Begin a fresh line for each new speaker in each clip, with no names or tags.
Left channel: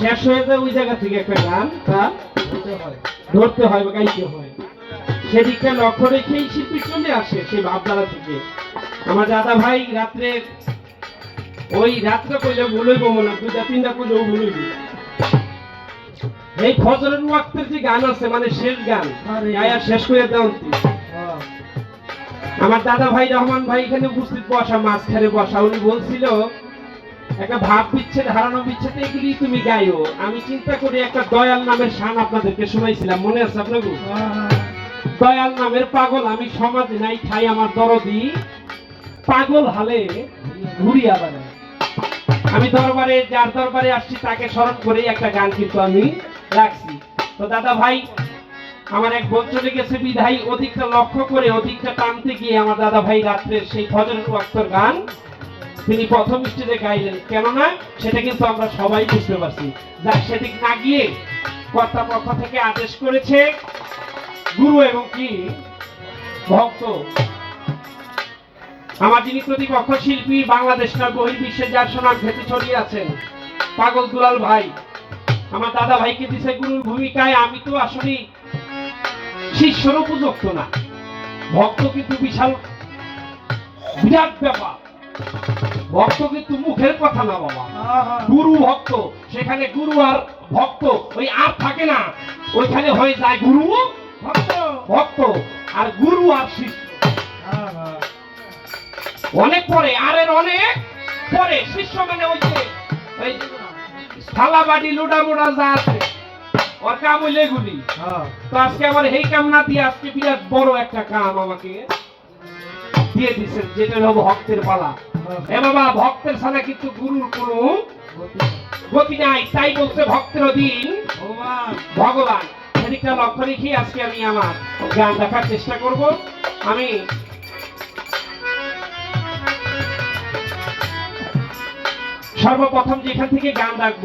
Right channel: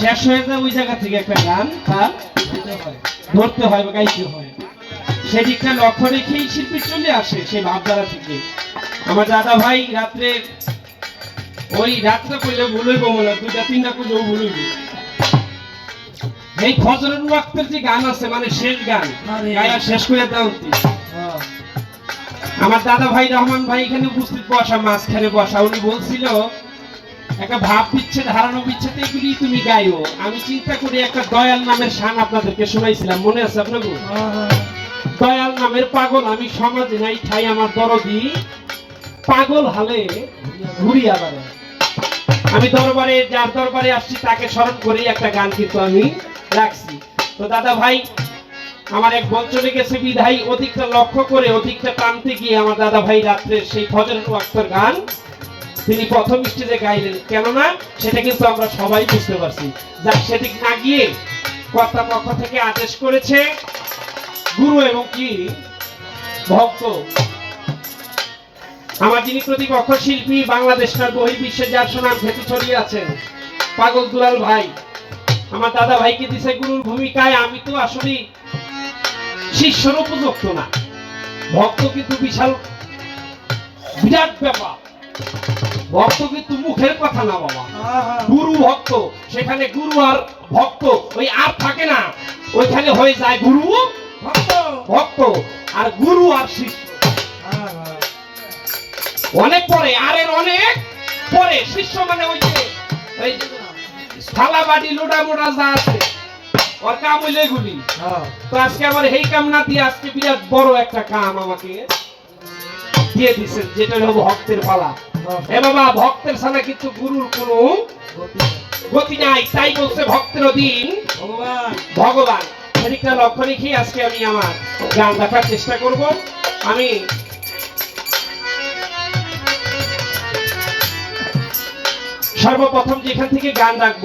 শেষ হয়ে যায় ওই জায়গা থেকে একটা গান তার ধরতে হয়। বা গাইতে হয়। সেদিকটা লক্ষ্য রেখেই শিল্পী চলে আসে সেই ভাবধারা থেকে। আমার দাদা ভাই রাত্রে ওই মনে দুইটা তিনটা কইলে বলইব এই ফজরের ওয়াক্তের যে গান আছে মানে শেষ গান গায়া শেষ করে দাও আমার দাদা ভাই রহমান ভাই এখানে উপস্থিত বসা মাঝখানে বসা উনি বলছিল একটা ভাব বিচ্ছেদ হারানো বিচ্ছেদ এগুলি তুমি গাইও আমি চিন্তা করি একটা দয়াল নামের শান আপনাদেরকে শোনাইছিলাম, মনে আছে আপনাকে দয়াল নামের পাগল আমি সমাজে নাই, ঠাই আমার দরদি। পাগল হালে ঘুরিয়া বেড়ায়। আমি দরবারে, যার দরবারে আসছি, তাকে স্মরণ করেই একটা গান কিন্তু আমি রাখছি। তো দাদা ভাই, আমার এক বোন চলে গেছে বিধাই অধিকটা লক্ষ্য করে, অধিকটা টানতে গিয়ে আমার দাদা ভাই রাত্রে সেই ফজরের ওয়াক্তর গান তিনি প্রথম স্টেজে গাইলেন। কেননা সেটা কিন্তু আমরা সবাই বুঝতে পারছি। যা সেদিক না গিয়ে কর্তাপক্ষ থেকে আদেশ করেছে গুরু এবং কি ভক্ত। আমার যিনি প্রতিপক্ষ শিল্পী, বাংলাদেশ না বহির্বিশ্বে যার সুনাম ভেতর ছড়িয়ে আছেন পাগল দুলাল ভাই। আমার দাদা ভাইকে দিছে গুরুর ভূমিকায়, আমি তো আসলে শিষ্যর উপযুক্ত না। ভক্ত কিন্তু বিশাল, বিরাট ব্যাপার। ভক্ত কিন্তু মুখের কথা না বাবা। গুরু ভক্ত সেখানে গুরু আর ভক্ত ওই আর থাকে না। ওইখানে হয়ে যায় গুরু ভক্ত। আর গুরু আর শিষ্য। অনেক পরে আর এর অনেক পরে শিষ্য মানে ওই যে থালা বাটি লোটা মোটা যা আছে ওর কাম হইলে এগুলি। তো আজকে আমার এই কাম না দিয়ে আজকে বিরাট বড় একটা কাম আমাকে দিয়ে দিচ্ছেন যেটা হলো ভক্তের পালা। এ বাবা ভক্তের ছাড়া কিন্তু গুরুর কোনো গতি নাই তাই বলছে ভক্তের অধীন ভগবান। সেদিকটা লক্ষ্য রেখে আজকে আমি আমার গান দেখার চেষ্টা করব। আমি সর্বপ্রথম যেখান থেকে গান রাখব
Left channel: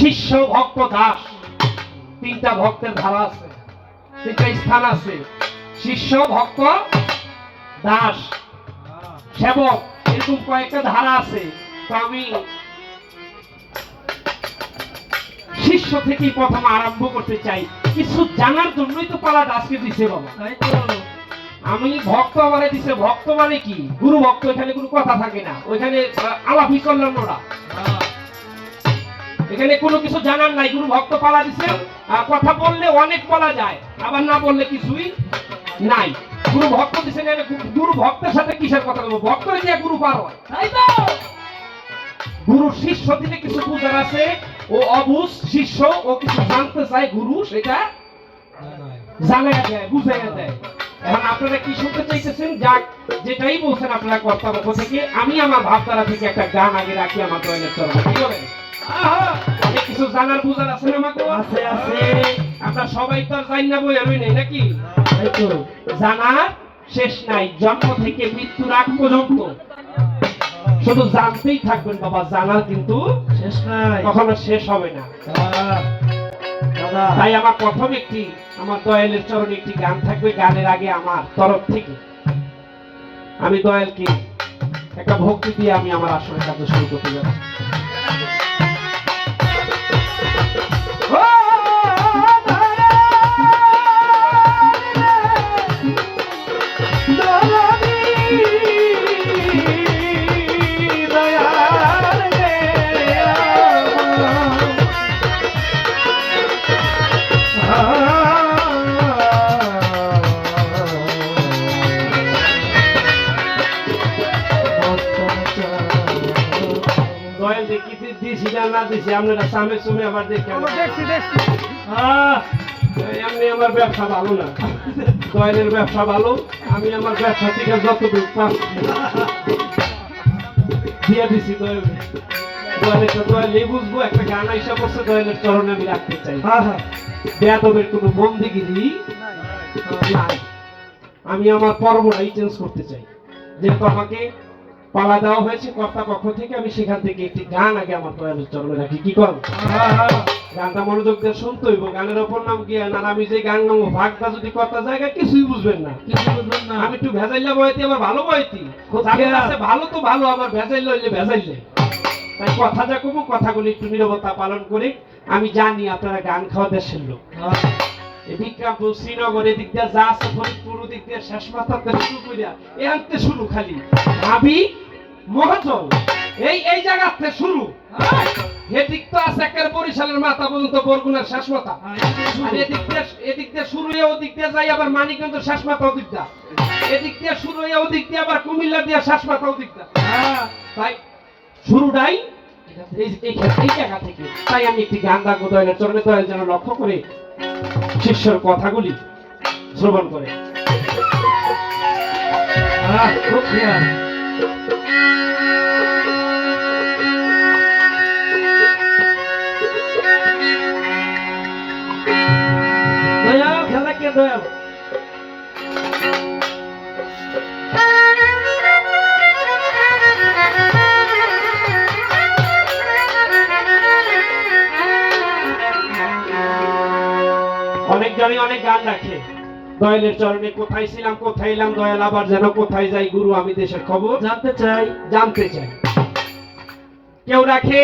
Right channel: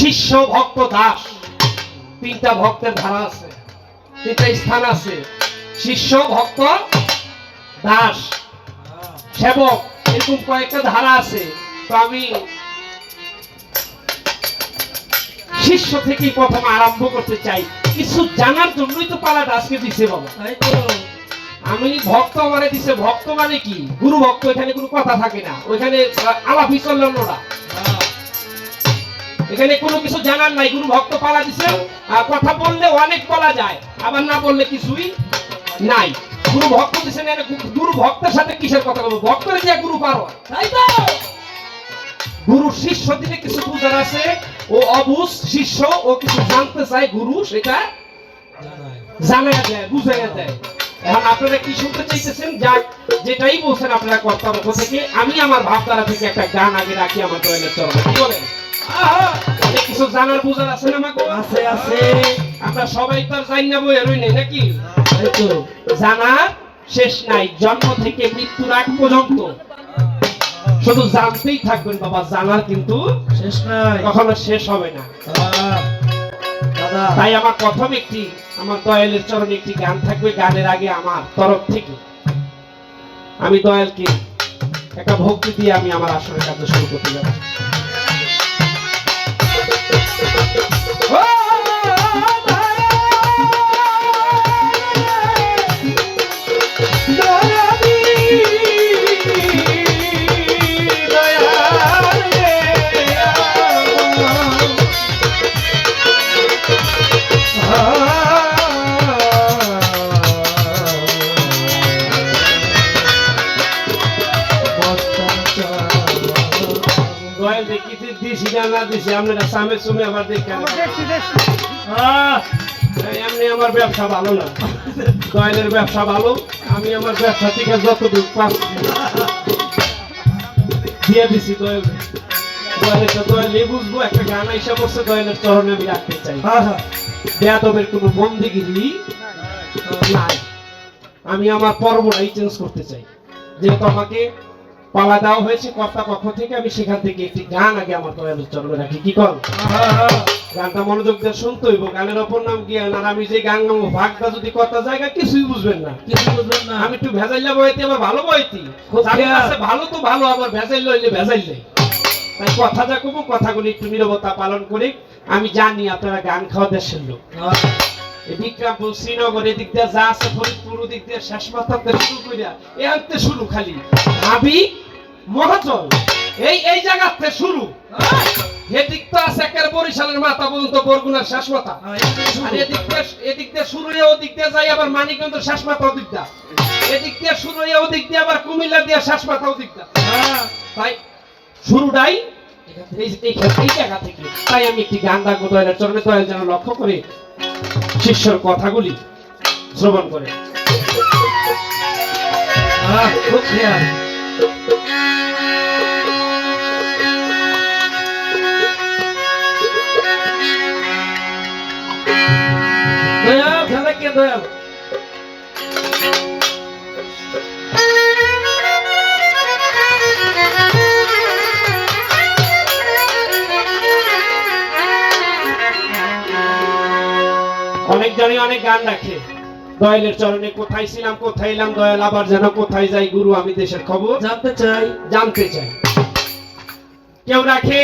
শিষ্য ভক্ত দাস তিনটা ভক্তের ধারা আছে তিনটা স্থান আছে। শিষ্য ভক্ত দাস সেবক এরকম কয়েকটা ধারা আছে। তো আমি শিষ্য থেকেই প্রথম আরম্ভ করতে চাই। কিছু জানার জন্যই তো পালাটা আজকে দিছে বাবা। আমি ভক্ত মানে দিছে ভক্ত মানে কি? গুরু ভক্ত এখানে কোনো কথা থাকে না। ওইখানে আলাপি চল্লান্নরা এখানে কোনো কিছু জানার নাই গুরু ভক্ত পালা দিছে। কথা বললে অনেক বলা যায় আবার না বললে কিছুই নাই। গুরু ভক্ত দিছে না গুরু ভক্তের সাথে কিসের কথা বলব? ভক্তের যে গুরু পার হয়। তাই তো। গুরু শিষ্য দিলে কিছু বুঝার আছে। ও অবুজ শিষ্য ও কিছু জানতে চায় গুরু সেটা এখন আপনারা কি শুনতে চাইতেছেন? যাক যেটাই বলছেন আপনারা কর্তাপক্ষ থেকে আমি আমার ভাবধারা থেকে একটা গান আগে রাখি আমার চরণে কি বলেন? কিছু জানার বুঝার আছে না আমাকে
আছে, আছে।
আমরা সবাই তো জানি না বই এরই নেই নাকি? জানার শেষ নাই জন্ম থেকে মৃত্যুর আগ পর্যন্ত। শুধু জানতেই থাকবেন বাবা জানার কিন্তু
শেষ নাই।
কখনো শেষ হবে না। তাই আমার প্রথম একটি আমার দয়ালের চরণে একটি গান থাকবে গানের আগে আমার তরফ থেকে। আমি দয়ালকে একটা ভক্তি দিয়ে আমি আমার আসলে কাজ শুরু করতে যাব দিছি আপনারা সামনে সুমে আবার এমনি আমার ব্যবসা ভালো না। দয়ালের ব্যবসা ভালো আমি আমার ব্যবসা থেকে যতটুকু পাচ্ছি দিয়ে দিছি তো বুঝব একটা গান আইসা দয়ালের চরণে আমি রাখতে চাই। বেয়াদবের কোনো বন্দিগিরি নাই। আমি আমার পর্বটাই চেঞ্জ করতে চাই। যেহেতু আমাকে পালা দেওয়া হয়েছে কর্তা পক্ষ থেকে আমি সেখান থেকে একটি গান আগে আমার দয়ালু চরণে রাখি। কি কর? গানটা মনোযোগ দিয়ে শুনতে হইব গানের অপর নাম জ্ঞান আর আমি যে গান গাবো ভাগটা যদি কথা জায়গা কিছুই বুঝবেন না।
কিছু বুঝবেন না।
আমি একটু ভেজাইলা বইতে আবার ভালো বইতি। ভালো তো ভালো আবার ভেজাইল হইলে ভেজাইলে। তাই কথা যা কমো কথাগুলি একটু নিরবতা পালন করে। আমি জানি আপনারা গান খাওয়া দেশের লোক। বিক্রমপুর শ্রীনগর এদিক দিয়ে যা আছে ফরিদপুর ওদিক দিয়ে শেষ মাথাতে শুরু করিয়া এ শুরু খালি। ভাবি মহাজল এই এই জায়গাতে শুরু। এদিক তো আছে একের বরিশালের মাথা পর্যন্ত বরগুনার শেষ মাথা। আর এদিক দিয়ে এদিক দিয়ে শুরু হয়ে ওদিক দিয়ে যাই আবার মানিকগঞ্জ শেষ মাথা ওদিক এদিক দিয়ে শুরু হয়ে ওদিক দিয়ে আবার কুমিল্লা দিয়ে শেষ মাথা ওদিক দা তাই শুরুটাই এই জায়গা থেকে। তাই আমি একটি গান রাখব দয়ালের চরণে দয়াল যেন লক্ষ্য করে শিষ্যর কথাগুলি শ্রবণ করে।
আহ, খুব খেয়াল। দয়াল, খেলা কে দয়াল?
অনেকজনই অনেক গান রাখে দয়ালের চরণে কোথায় ছিলাম কোথায় এলাম দয়াল আবার যেন কোথায় যাই গুরু আমি দেশের খবর
জানতে চাই।
জানতে চাই। কেউ রাখে?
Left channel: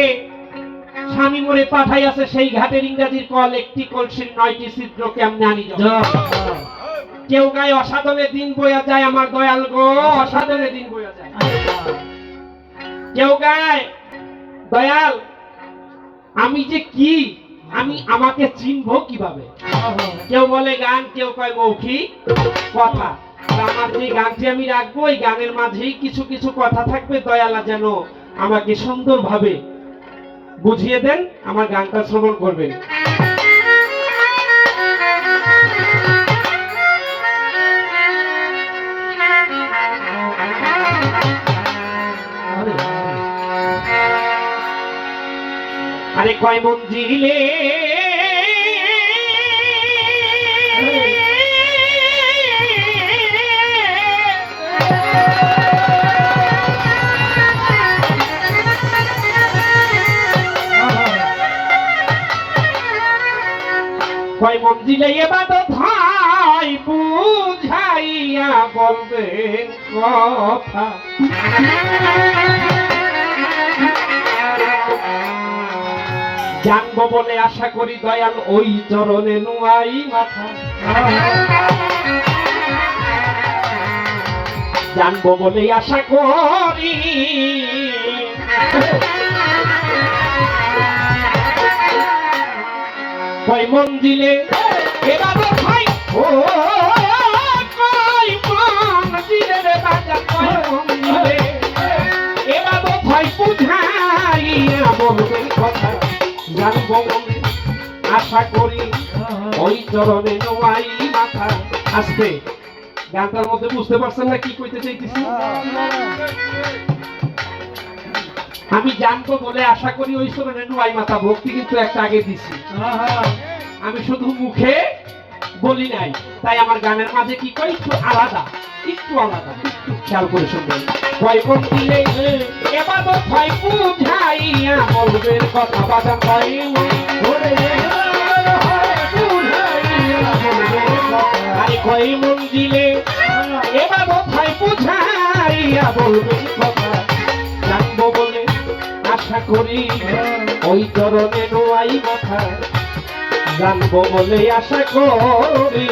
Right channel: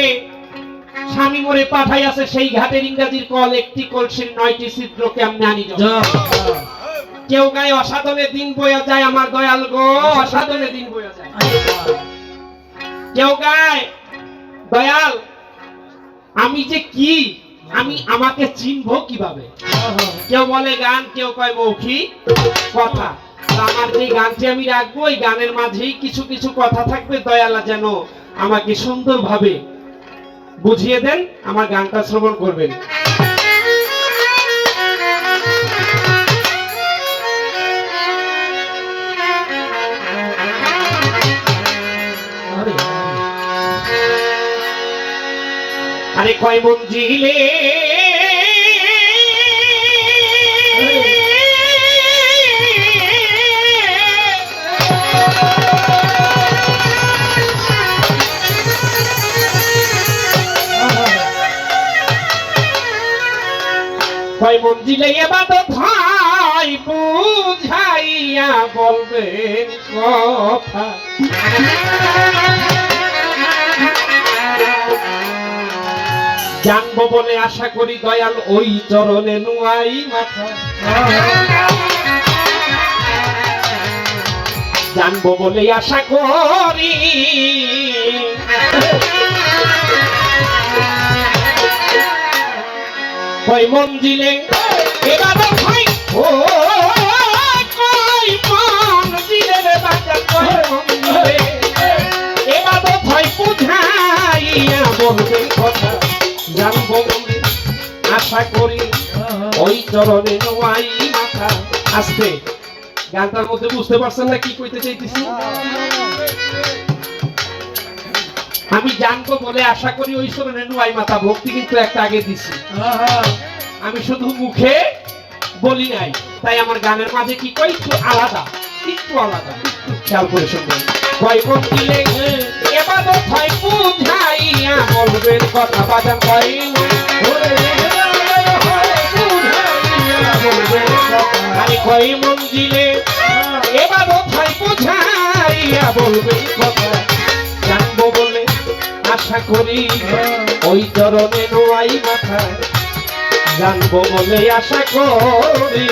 স্বামী মরে পাঠাই আছে সেই ঘাটের ইংরাজির কল একটি কলসির নয়টি ছিদ্র কেমনে আনি কেউ গায়ে অসাধনে দিন বয়া যায় আমার দয়াল গো অসাধনে দিন বয়া যায়। কেউ গায় দয়াল আমি যে কি আমি আমাকে চিনবো কীভাবে? কেউ বলে গান, কেউ কয় মৌখিক কথা। আমার যে গানটি আমি রাখব ওই গানের মাঝেই কিছু কিছু কথা থাকবে। দয়ালা যেন আমাকে সুন্দরভাবে বুঝিয়ে দেন, আমার গানটা শ্রবণ করবেন।
আরে
কয় মঞ্জিলে কয় মঞ্জিলে এবার ভাই বুঝাইয়া বলবেন কথা। বলে আশা করি দয়াল ওই চরণে নুয়াই মাথা। জানব বলে আশা করি। কয় মন ভাই, ও বলে আশা করি ওই চরণে নোয়াই মাথা গানটার মধ্যে বুঝতে পারছেন না কি কইতে চাইতেছি আমি জানব বলে আশা করি ওই চরণে নোয়াই মাথা ভক্তি কিন্তু একটা আগে দিছি। আমি শুধু মুখে বলি নাই, তাই আমার গানের মাঝে কি কই একটু আলাদা? একটু আলাদা। খেয়াল করে শুনবেন। ভয় কোন দিলে, এবার ভয় বুঝাইয়া কথা বাজা ভয় বুঝাইয়া বলবেন, কথা জানব বলে আশা করি ওই বলে আশা করি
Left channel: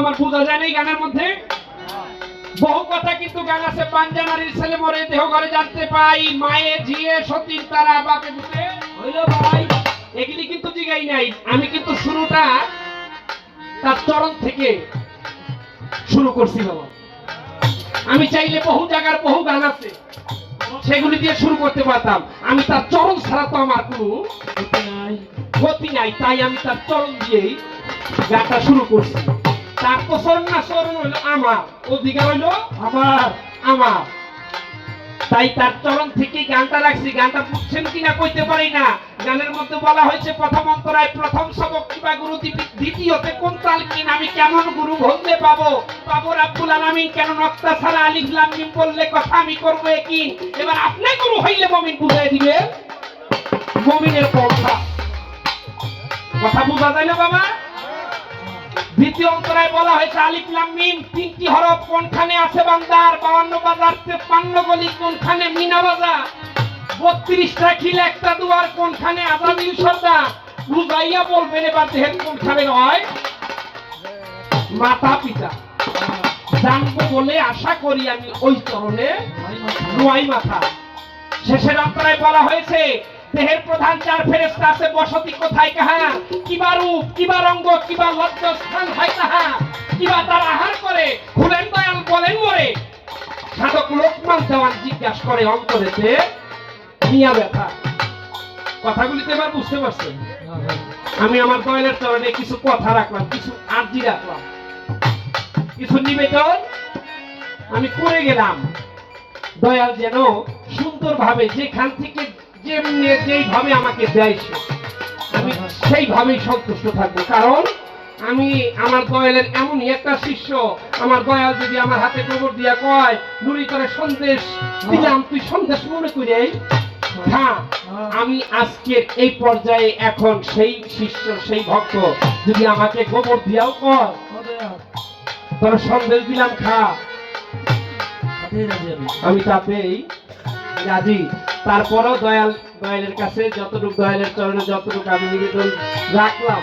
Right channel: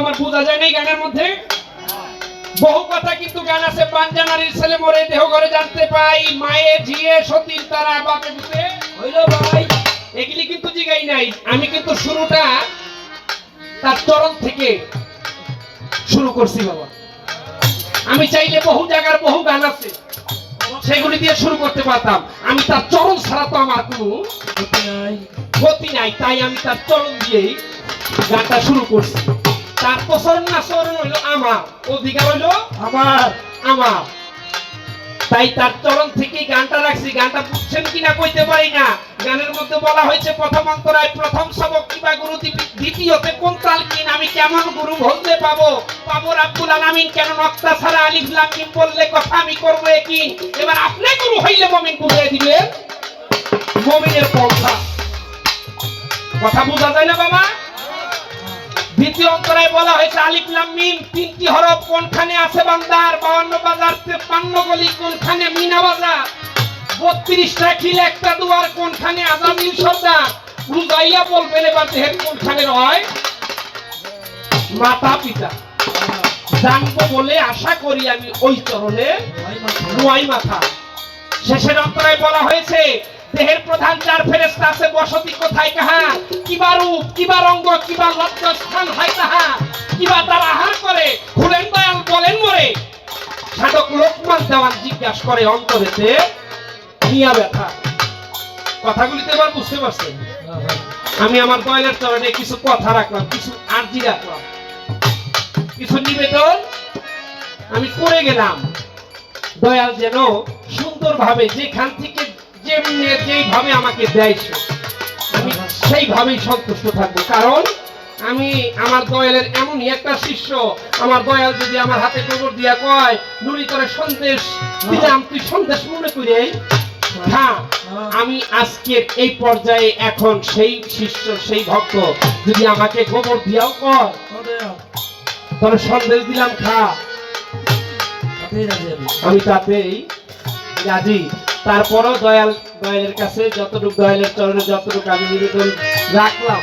আমার বোঝা যায় গানের মধ্যে। বহু কথা কিন্তু গান আছে ছেলে মরে দেহ জানতে পাই ঝিয়ে সতীর তারা বাপে
হইল ভাই,
এগুলি কিন্তু জিগাই নাই। আমি কিন্তু শুরুটা তার চরণ থেকে শুরু করছি বাবা। আমি চাইলে বহু জায়গার বহু গান আছে, সেগুলি দিয়ে শুরু করতে পারতাম। আমি তার চরণ ছাড়া তো আমার কোনো
গতি নাই,
তাই আমি তার চরণ দিয়েই গানটা শুরু করছি। তাই তার চরণ থেকে গানটা রাখছি। গানটা বুঝছেন কিনা কইতে পারি না। গানের মধ্যে বলা হয়েছে, প্রথম অন্তরায় প্রথম সবক কিবা গুরু দ্বিতীয়তে কোন তালকিন আমি কেমন গুরু বলতে পাবো? পাবো রাব্বুল আলামিন, কেন নক্তা ছাড়া আলিফ লাম বললে কথা আমি করব কি? এবার আপনি গুরু হইলে মমিন বুঝাই দিবে। মমিনের পন্থা। কথা বোঝা যায় না বাবা? দ্বিতীয় অন্তরায় বলা হয়েছে আলিফ লাম মিম তিনটি হরফ কোনখানে আছে বান্দার? বাউন্ন বাজার তেপান্ন গলি কোনখানে মিনা বাজার? বত্রিশটা খিল একটা দুয়ার কোনখানে সর্দার? বুঝাইয়া বলবেন এবার দেহের কোনখানে রয় মাতা পিতা। জানব বলে আশা করি আমি ওই চরণে নোয়াই মাথা শেষের অন্তরায় বলা হয়েছে দেহের প্রধান চার ফেরেস্তা আছে, বসতি কোথায় কাহা? কিবা রূপ কিবা রঙ্গ কিবা লজ্জ স্থান হয় তাহা কিবা তার আহার করে? খুলেন দয়াল বলেন মরে। সাধক লোকমান দেওয়ান জিজ্ঞাসা করে, অন্তরেতে মিয়া ব্যথা। কথাগুলিতে এবার বুঝতে পারছেন? আমি আমার দয়ালের চরণে কিছু কথা রাখলাম, কিছু আর্জি রাখলাম। কিছু নিবেদন আমি করে গেলাম। দয়াল যেন সুন্দরভাবে যেখান থেকে যেমনি যেইভাবে আমাকে দেয় আমি সেইভাবেই সন্তুষ্ট থাকব। কারণ আমি আমার দয়ালের এমনই একটা শিষ্য। আমার দয়াল যদি আমার হাতে গোবর দিয়া কয় নুরি করে সন্দেশ দিলাম তুই সন্দেশ মনে করে হ্যাঁ আমি আজকের এই পর্যায়ে এখন সেই শিষ্য সেই ভক্ত যদি আমাকে গোবর দিয়াও কয় তোর সন্দেশ দিলাম খা।
আমি।
আমি তাতেই রাজি। তারপরও দয়াল, দয়ালের কাছে যতটুকু দয়ালের চরণে যতটুকু আমি নিবেদন রাখলাম,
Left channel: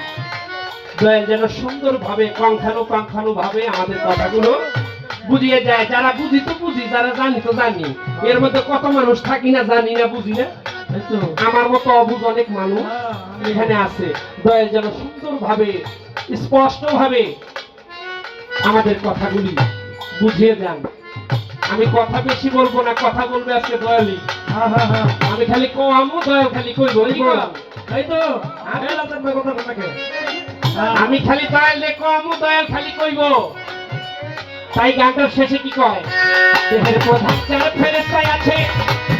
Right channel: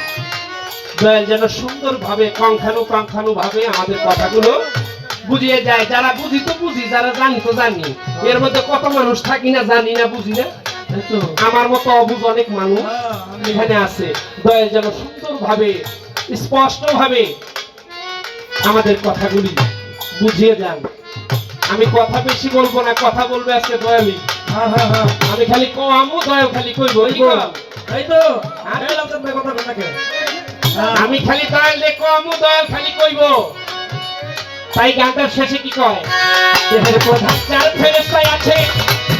দয়াল যেন সুন্দরভাবে ভাবে আমাদের কথাগুলো বুঝিয়ে যায় যারা বুঝি তো বুঝি, যারা জানি তো জানি। এর মধ্যে কত মানুষ থাকি না, জানি না, বুঝি না? আমার মতো অবুঝ অনেক মানুষ এখানে আছে। দয়াল যেন সুন্দর ভাবে স্পষ্ট ভাবে আমাদের কথাগুলি বুঝিয়ে যান আমি কথা বেশি বলব না, কথা বলবে আজকে দয়ালি আমি খালি কমও দয় খালি কই বই?
এই তো আরে না কথা কে
আমি খালি দয়াল রে কমও দয়াল খালি কইবো। তাই গানটার শেষে কি কয়? দেহের প্রধান চার ফেরেস্তায় আছে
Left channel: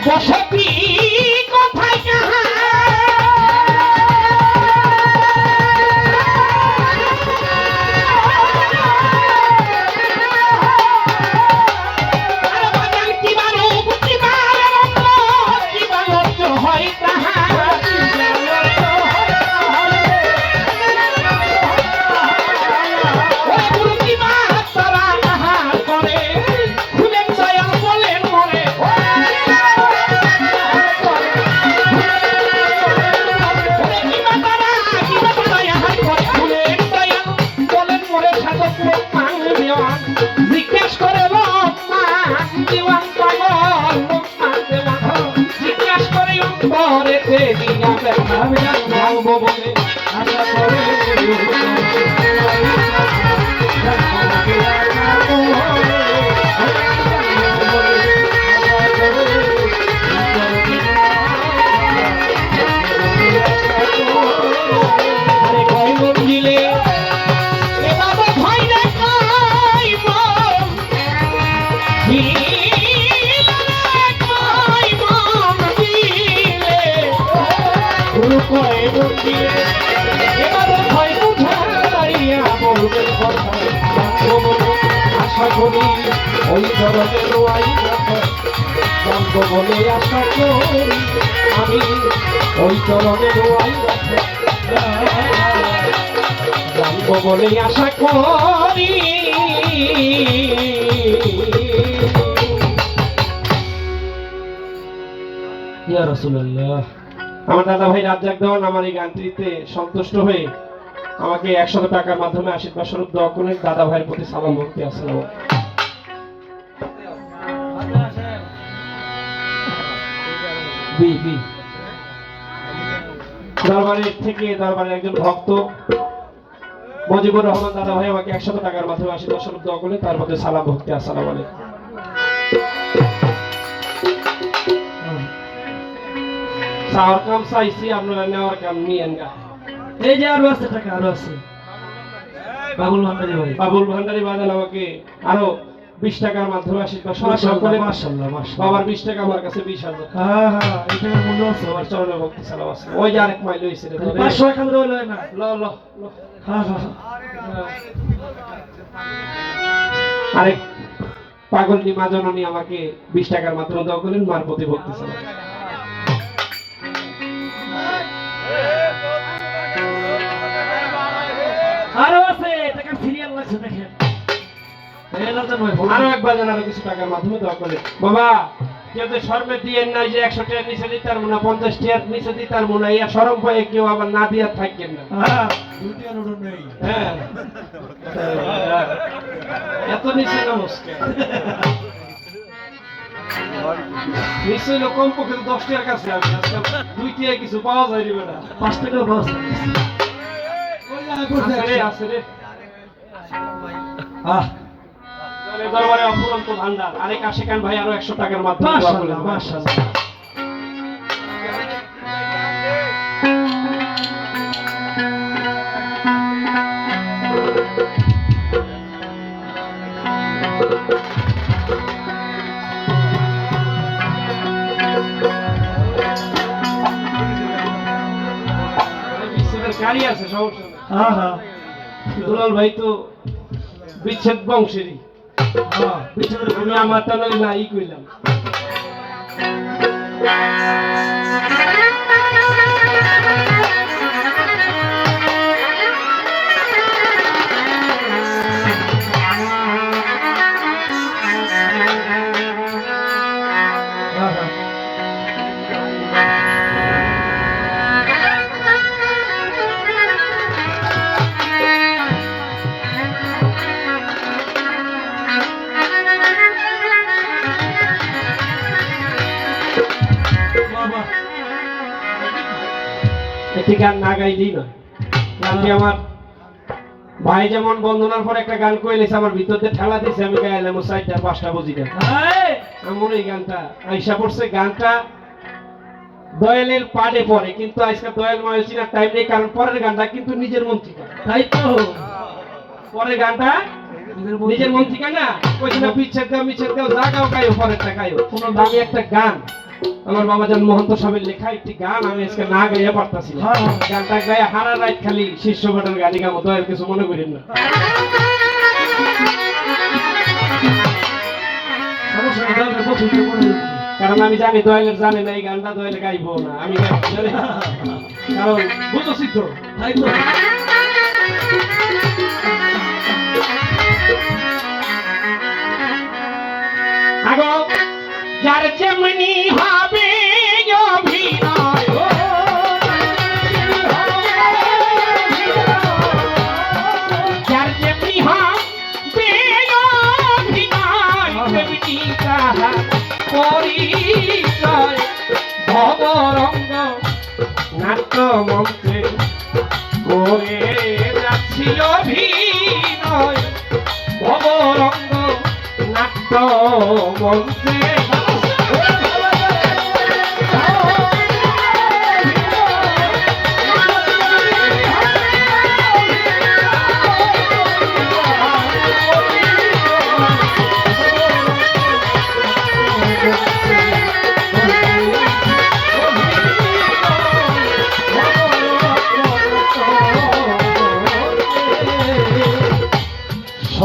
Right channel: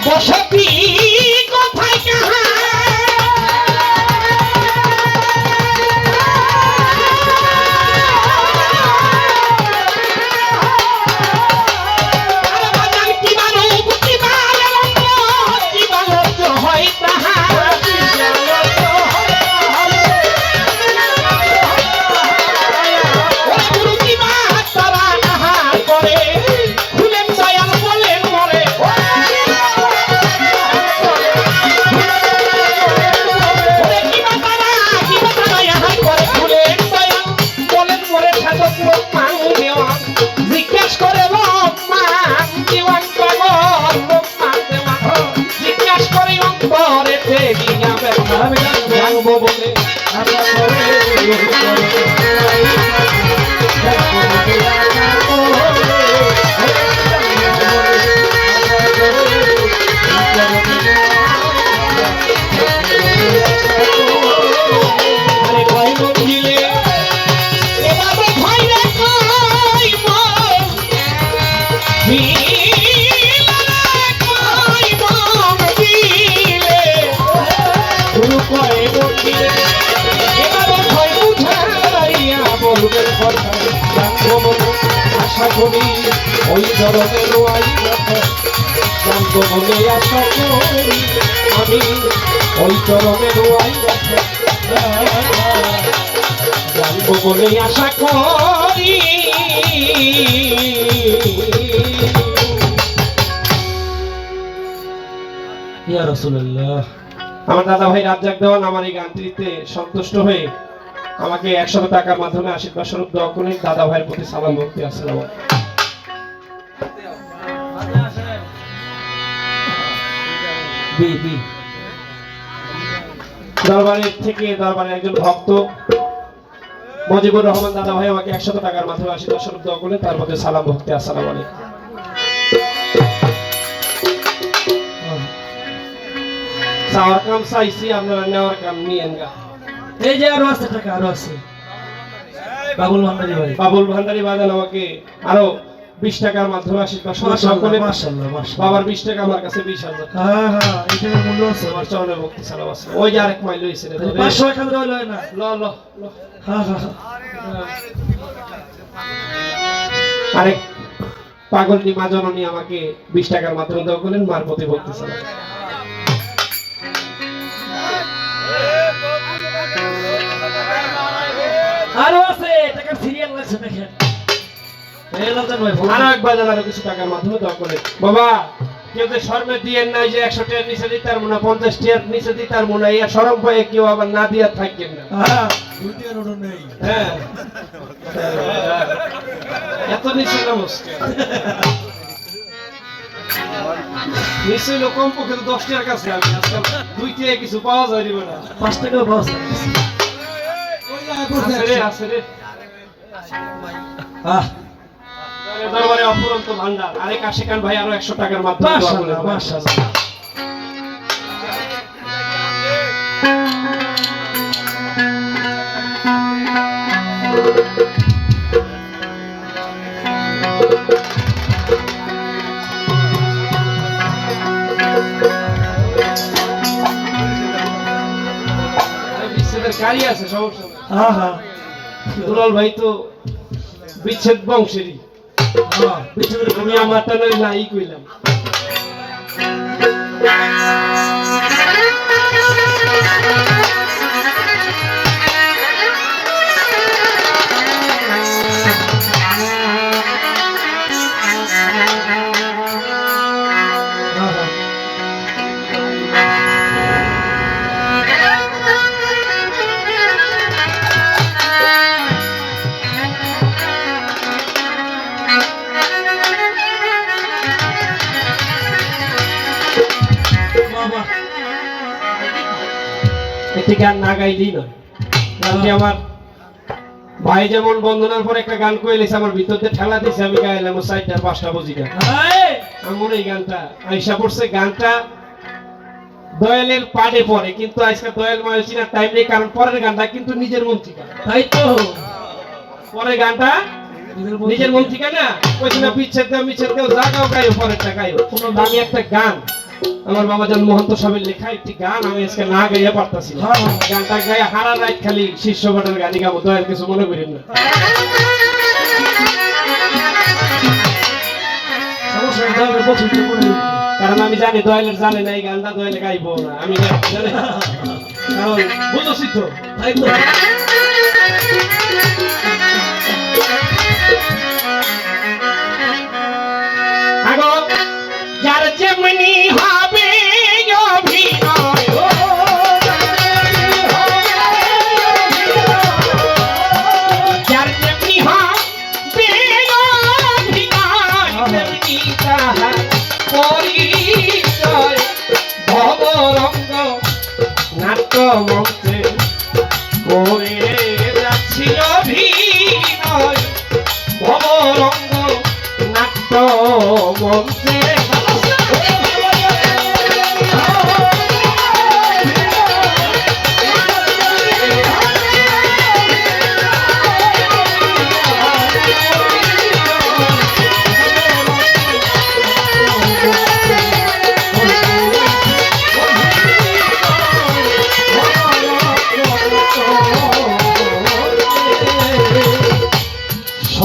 বসতি কোথায় জিজ্ঞেস দেওয়ান
আমার
এই গানটিতে সন্তুষ্ট হয়ে আমাকে একশো টাকার মাধ্যমে আশীর্বাদ স্বরূপ দোয়া করে দাদা ভাইয়ের প্রতি সালাম ভক্তি আসসালাম
বি বি
দরবারের থেকে দরবারের একজন ভক্ত মজিবুর রহমান দাদা ভাই আমাকে একশো টাকার মাধ্যমে আশীর্বাদ স্বরূপ দোয়া করলে তার মধ্যে সালাম ভক্তি আসসালাম আলাইকুম। চাওয়ার কাম চাইছি আপনারা নেওয়ার কাম নিয়েন গা
এই যে আরও আছে টাকা আরও আছে। বাবুল ভান্ডারি ভাই।
বাবুল ভান্ডারি বাজান আমাকে আরও বিশ টাকার মাধ্যমে আশীর্বাদ
মাশাআল্লাহ
বাবার বিশ টাকা আমার কাছে বিশ হাজার।
হ্যাঁ হ্যাঁ এখানে মূল্য আছে।
আমার চরণে ভক্তি সালাম আছে ওই যে আরেক মাইল হয়েছে।
পাঁচশো এক হাজার হইল না?
ল ল ল।
হ্যাঁ হ্যাঁ
আরেক পাগলটি মা জননী আমাকে বিশ টাকার মাধ্যমে দেওয়া করলেন মার প্রতি ভক্তি সালাম
আরও আছে টাকার সিরিয়াল লাগছে দেখেন। এই লালচাঁদ ভাই
আরও একবার কিছু টাকার মাধ্যমে দেওয়া করলেন বাবা কেউ যে শর্মে দিয়ে নাই যে একশো নিচে দিতে পারব না পঞ্চাশ টাকার নিচে দিতে পারব না ইয়া সরম পায়ে কেউ আবার না দিয়ে থাকবেন না।
হ্যাঁ
হ্যাঁ। এত নিচে না মুশকিল নিশ্চয়ই কম পক্ষে দশ টাকার কাছে দুই টাকা কিছু পাওয়া যায়
পাঁচ
আছে রে
আহ
দরবারে অফুরন্ত ভান্ডার। আরেক আশিকান ভাই আরও একশো টাকার মাধ্যমে দোয়া
মাশাআল্লাহ হ্যাঁ হ্যাঁ
দুলাল ভাই তো বিচ্ছেদ বংশেরই।
হ্যাঁ বিচ্ছেদের
আমি আমার টানের নাই কইলাম। একটি গান না গাইলেই নয়। আমার ভাই যেমন বন্ধনার পর একটা গান কইলেছে আমার ভিতর দিয়ে ঠেলা দিয়েছে আমি গাইলাম ও চারটা পাঁচটা বুঝি গান আমার এই গানটা আইসা পড়ছে গানটা দয়ালের পাড়ে পড়ে কিন্তু আজকে দয়াল ময়ল চিনার টাইম নেই কারণ পরের গানটা কিন্তু নিজের মন থেকে।
তাই তো।
পরের গানটা নিজের মন থেকে। না? কইছি না বিচ্ছেদ দেও মিচ্ছেদ দেও যা গাও গাইও পরেরটা গাইও। আমি একটা গান আমার মামাজান মহন্ত সাহেবের লেখা একটি গান আমি আজকে না গাইয়া পারতাছি না।
হ্যাঁ, হ্যাঁ।
গানটা গায়ে হারা রাত খালি শীর্ষ বাটের গাড়ি গাবো দয়াল কিছু মনে করেন না।
করে দেখো।
কারণ আমি জানি দয়ালের জানে না এই গানটা দয়ালে গাইবো না। আমি কারণ বুঝছি তো।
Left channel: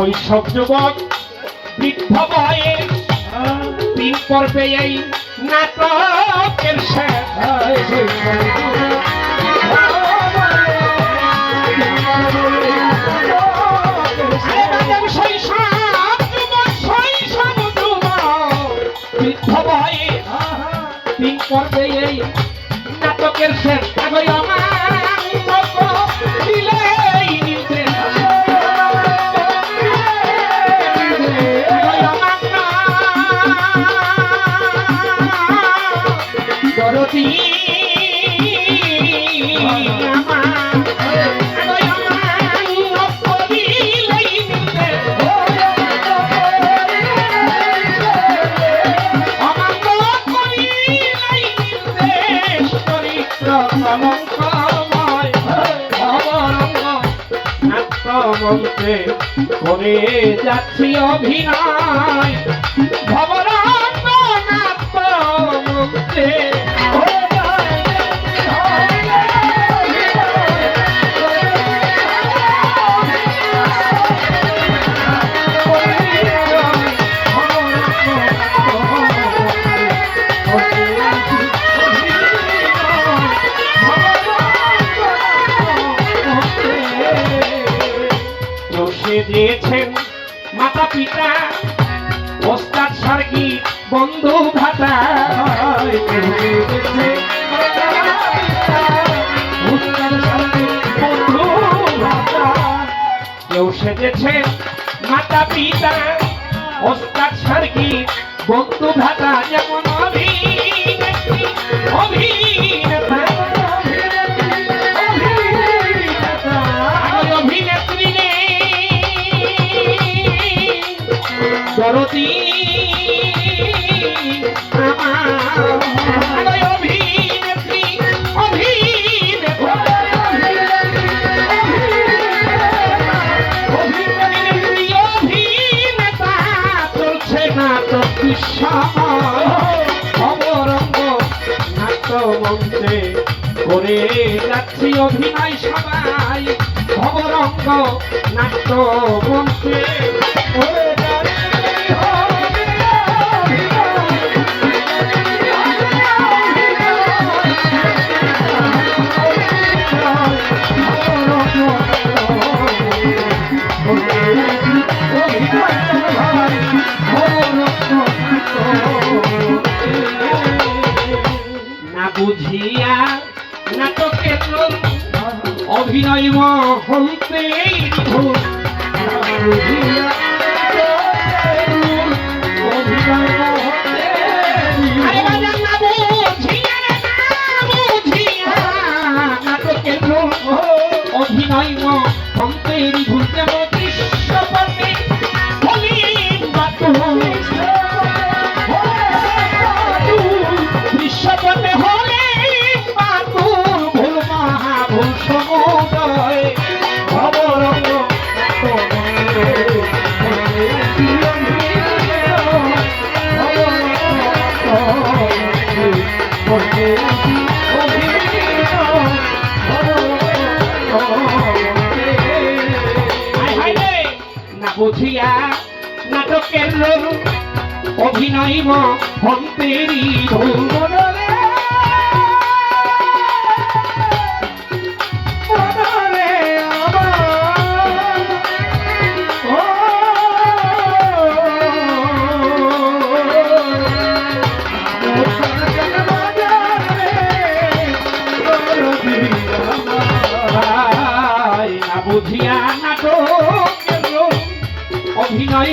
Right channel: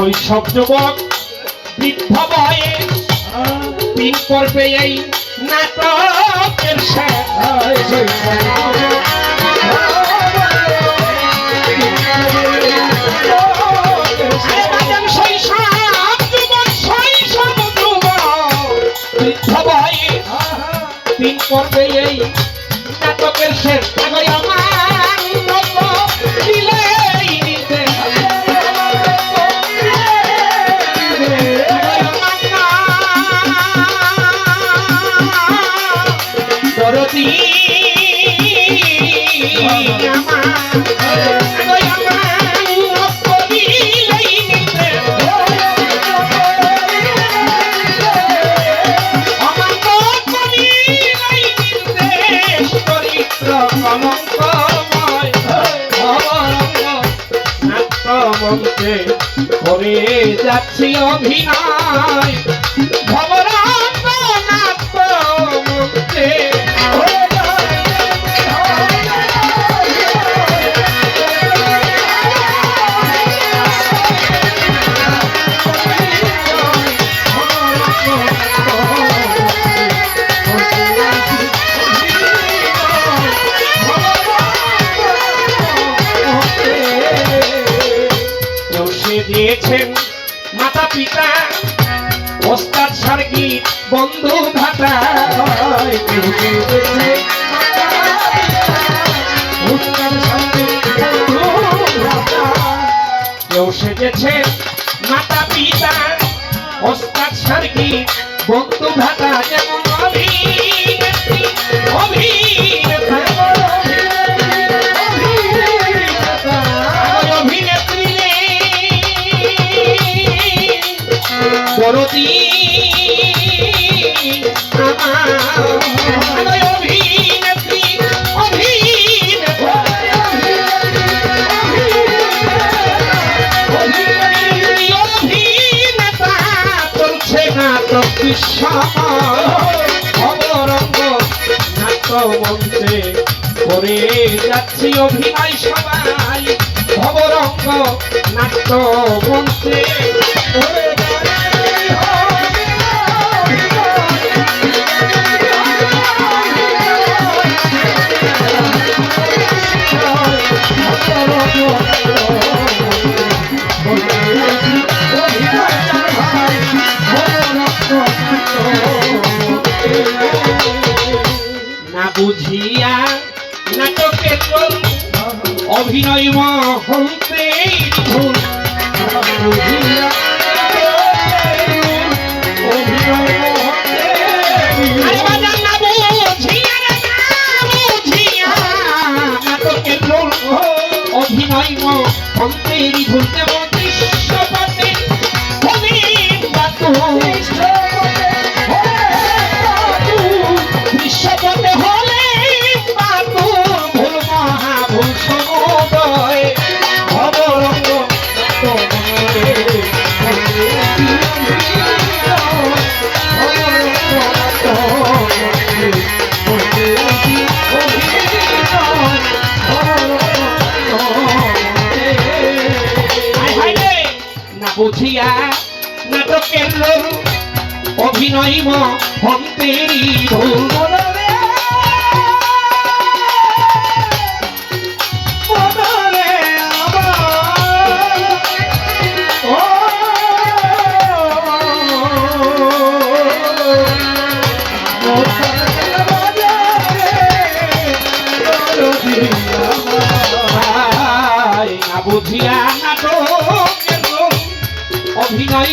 শৈশব যুবক বৃদ্ধ বয়স তিন পর্বে এই নাটকের শেষ। তিন এই নাটকের শেষ। করে যাচ্ছি অভিনয়? ভবরাত নাট্য মন্ত্রে কেউ সেজেছে মাতা পিতা ওস্তাদ সার্গিত বন্ধু ভাতা করে যাচ্ছি অভিনয় সবাই ভবরঙ্গ নাট্য মঞ্চে। অভিনয় মন্তেরি ভুল বুঝিয়া নাটক অভিনয়